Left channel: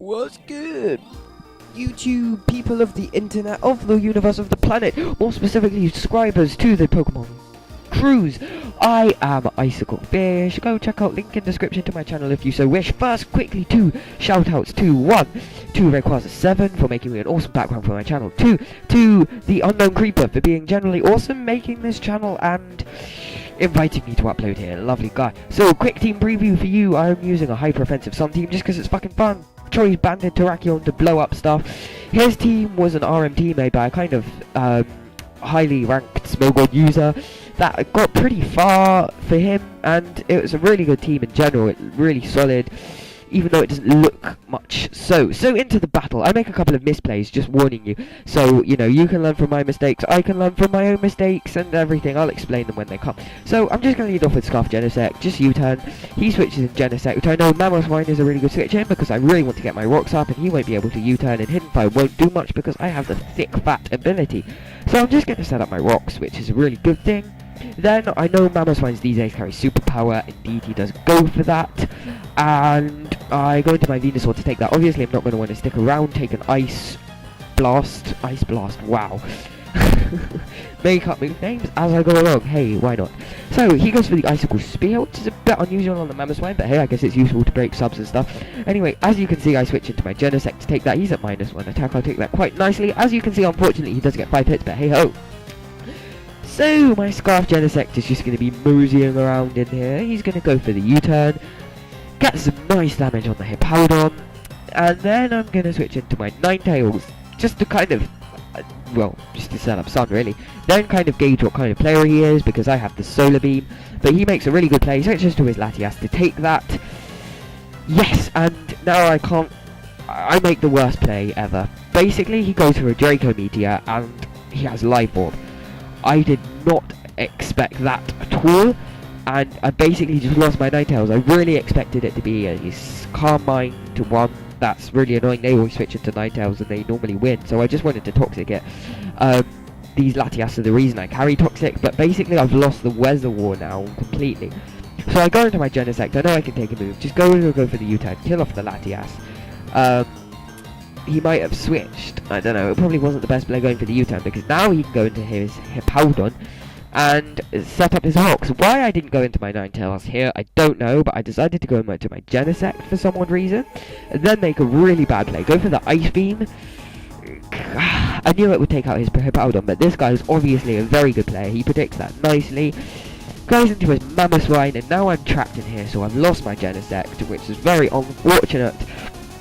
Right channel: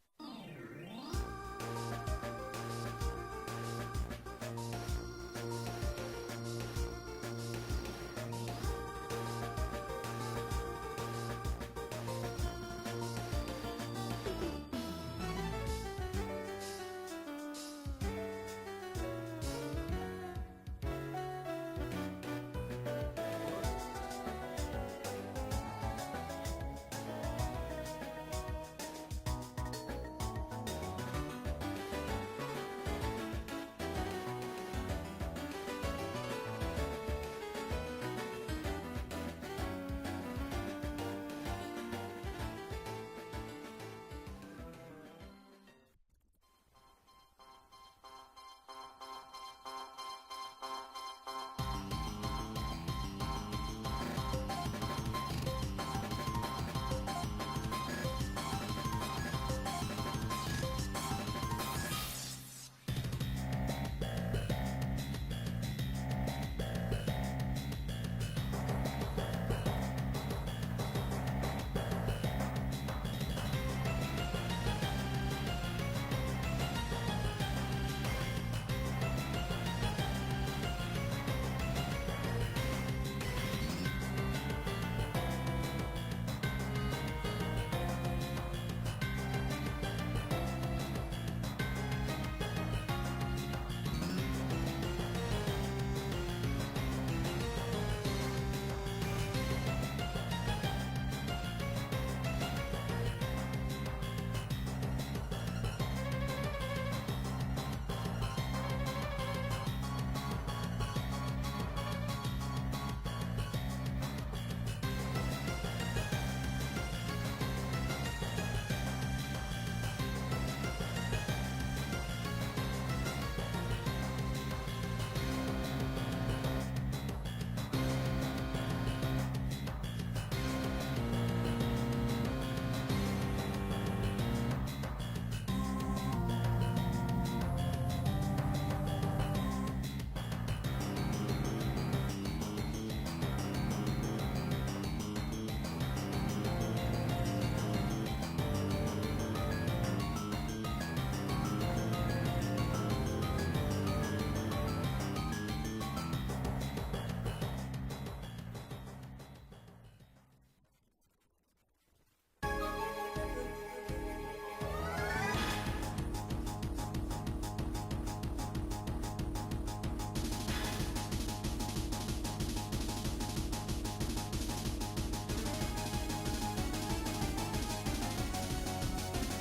What's good? YouTube, people of the internet, of the universe, of the planet, more specifically subscribers to the Pokemon Cruise. I am Icicle Fish. Go check out link in description to my channel if you so wish. First, quickly, 2 shoutouts to 1 to Rayquaza7 for making me an awesome background for my channel. 2 to the Unknown Creeper for being generally awesome, making this channel and inviting me to upload here. Lovely guy. So, quick team preview for you. I'm using a hyper offensive Sun team just because it's fucking fun. Troy's banded Terrakion to blow up stuff. His team was an RMT made by a kind of highly ranked Smogod user that got pretty far for him, and it was a really good team in general. It's really solid, even though it doesn't look much so. Into the battle. I make a couple of misplays, just warning you. So, you know, you can learn from my mistakes, I can learn from my own mistakes, and everything. I'll explain them when they come. So, I'm just going to lead off with Scarf Genesect, just U-turn. He switches in Genesect, which I know Mammothwine is a really good switch in, because I really want to get my rocks up, and he won't be able to U-turn, and Hidden Fire won't do much, because I have the thick, fat ability. So, I'm just going to set up my rocks, which is a really good thing. Then, I know Mammothwine's these days carry superpower, indeed he does go for that, and I go into my Venusaur to take that. Obviously I'm not going to want to stick around, take an Ice Blast, wow. Make up new names as I go along, hey, why not? So, he goes for the Icicle Spear, which is a bit unusual on the Mammothwine, but hey, I guess it's useful to break subs and stuff. Anyway, as you can see, I switch into my Genesect to take that. He's at -1 attack, I'll take that quite nicely. As you can see, unfortunately, he does get 5 hits, but hey ho. So, my Scarf Genesect is just going to be moseying around in here. He's going to go for the U-turn, get some nice damage on the Hippowdon, and then I'm going to switch into my Ninetales, just to kind of, well, just to set up Sun really. Then kind of gauge what kind of player he is, because I have the Solar Beam, but he makes a really good play. He switches to his Latias to take that. Yes, and now I make the worst play ever. Basically, he goes for a Draco Meteor, and he has Live Orb. I did not expect that at all, and I basically just lost my Ninetales. I really expected it to be a Calm Mind to one. That's really annoying. They always switch into Ninetales and they normally win, so I just wanted to Toxic it. These Latias are the reason I carry Toxic, but basically I've lost the Weather War now completely. So I go into my Genesect. I know I can take a move. Just go for the U-turn, kill off the Latias. He might have switched, I don't know, it probably wasn't the best play going for the U-turn, because now he can go into his Hippowdon and set up his rocks. Why I didn't go into my Ninetales here, I don't know, but I decided to go into my Genesect for some odd reason, and then make a really bad play. Go for the Ice Beam. I knew it would take out his Hippowdon, but this guy is obviously a very good player. He predicts that nicely. Goes into his Mammothwine, and now I'm trapped in here, so I've lost my Genesect, which is very unfortunate.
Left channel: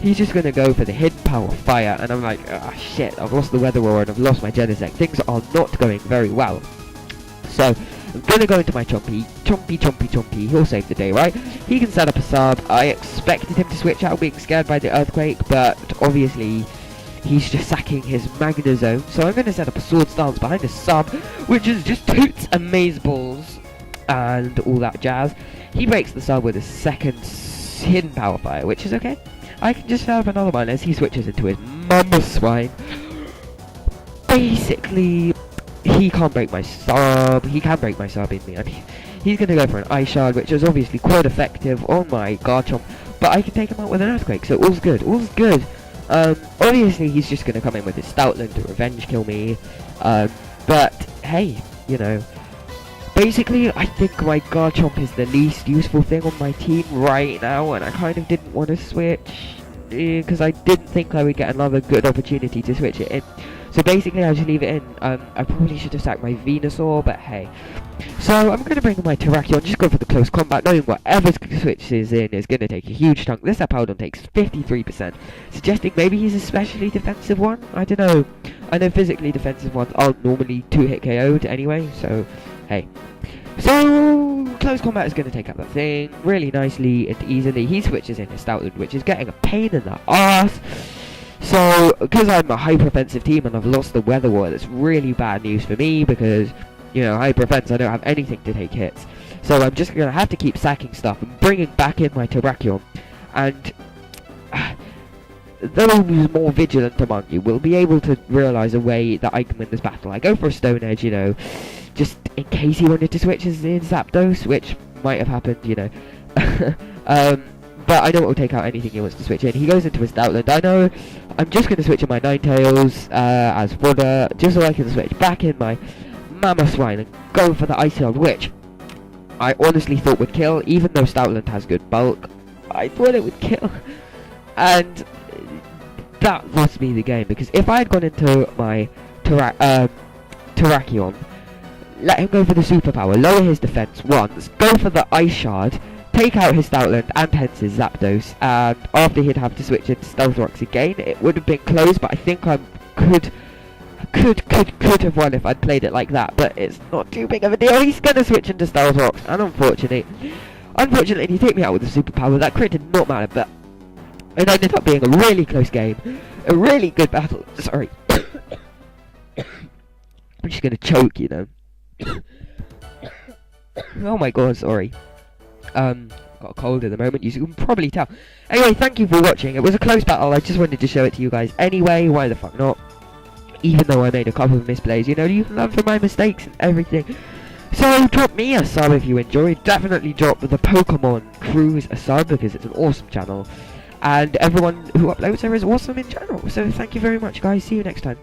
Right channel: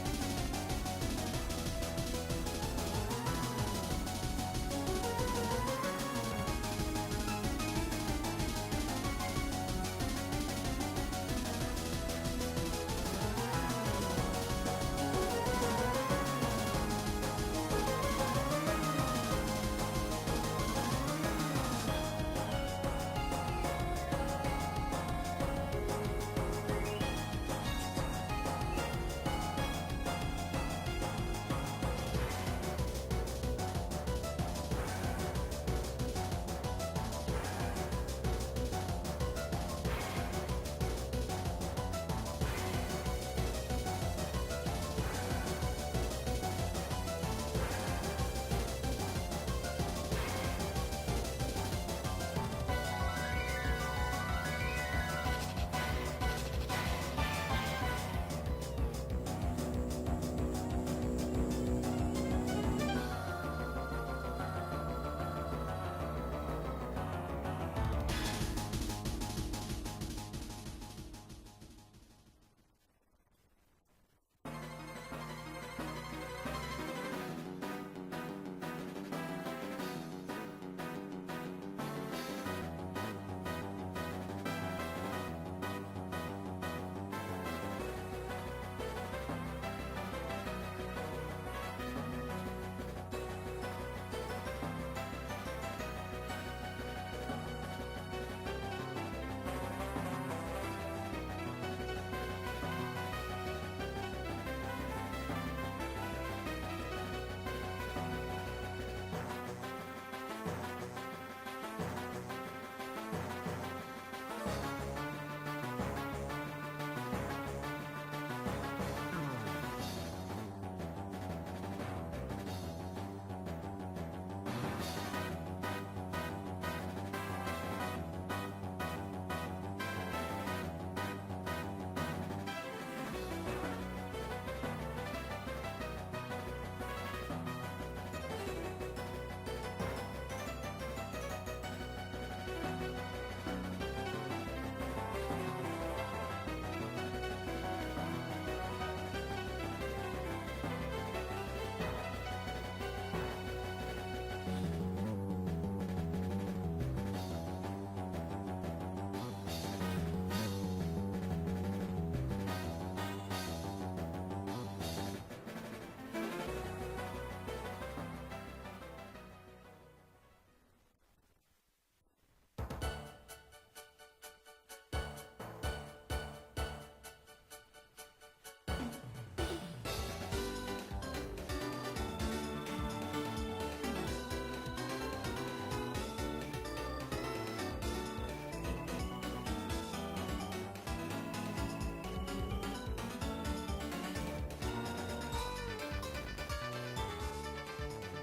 He's just going to go for the Hidden Power Fire, and I'm like, ah, shit, I've lost the Weather War and I've lost my Genesect. Things are not going very well. So, I'm going to go into my Chompy. He'll save the day, right? He can set up a sub. I expected him to switch out being scared by the Earthquake, but obviously he's just sacking his Magnezone. So I'm going to set up a Sword Stance behind the sub, which is just Toots and Maze Balls and all that jazz. He breaks the sub with a second Hidden Power Fire, which is okay. I can just set up another one as he switches into his Mammothwine. Basically, he can't break my sub. He can break my sub in the end. He's going to go for an Ice Shard, which is obviously quite effective on my Garchomp, but I can take him out with an Earthquake, so all's good, all's good. Obviously, he's just going to come in with his Stoutland to revenge kill me, but hey, you know. Basically, I think my Garchomp is the least useful thing on my team right now, and I kind of didn't want to switch, because I didn't think I would get another good opportunity to switch it in. So basically, I'll just leave it in. I probably should have sacked my Venusaur, but hey. So I'm going to bring in my Terrakion, just go for the close combat, knowing whatever switches in is going to take a huge chunk. This Hippowdon takes 53%, suggesting maybe he's a specially defensive one? I don't know. I know physically defensive ones aren't normally 2-hit KO'd anyway, so hey. So, close combat is going to take up that thing really nicely and easily. He switches into Stoutland, which is getting a pain in the ass. So, because I'm a hyper-offensive team and I've lost the Weather War, that's really bad news for me because, you know, hyper-offense, I don't have anything to take hits. So I'm just going to have to keep sacking stuff and bringing back in my Terrakion. And those more vigilant among you will be able to realise a way that I can win this battle. I go for a Stone Edge, you know, just in case he wanted to switch in Zapdos, which might have happened, you know. but I know it will take out anything he wants to switch in. He goes into his Stoutland. I know I'm just going to switch in my Ninetales as fodder, just so I can switch back in my Mammoth Swine and go for the Icicle, which I honestly thought would kill, even though Stoutland has good bulk. I thought it would kill, and that lost me the game, because if I had gone into my Terrakion, let him go for the superpower, lower his defense once, go for the Ice Shard, take out his Stoutland and hence his Zapdos, and after he'd have to switch into Stealth Rocks again, it would have been close, but I think I could have won if I'd played it like that, but it's not too big of a deal. He's gonna switch into Stealth Rocks, and unfortunately he take me out with the superpower. That crit did not matter, but it ended up being a really close game, a really good battle. Sorry. I'm just gonna choke, you know. Oh my god, sorry. Got a cold at the moment, you can probably tell. Anyway, thank you for watching. It was a close battle, I just wanted to show it to you guys anyway, why the fuck not? Even though I made a couple of misplays, you know, you can learn from my mistakes and everything. So drop me a sub if you enjoyed. Definitely drop the Pokemon Cruise a sub, because it's an awesome channel. And everyone who uploads there is awesome in general. So thank you very much, guys. See you next time.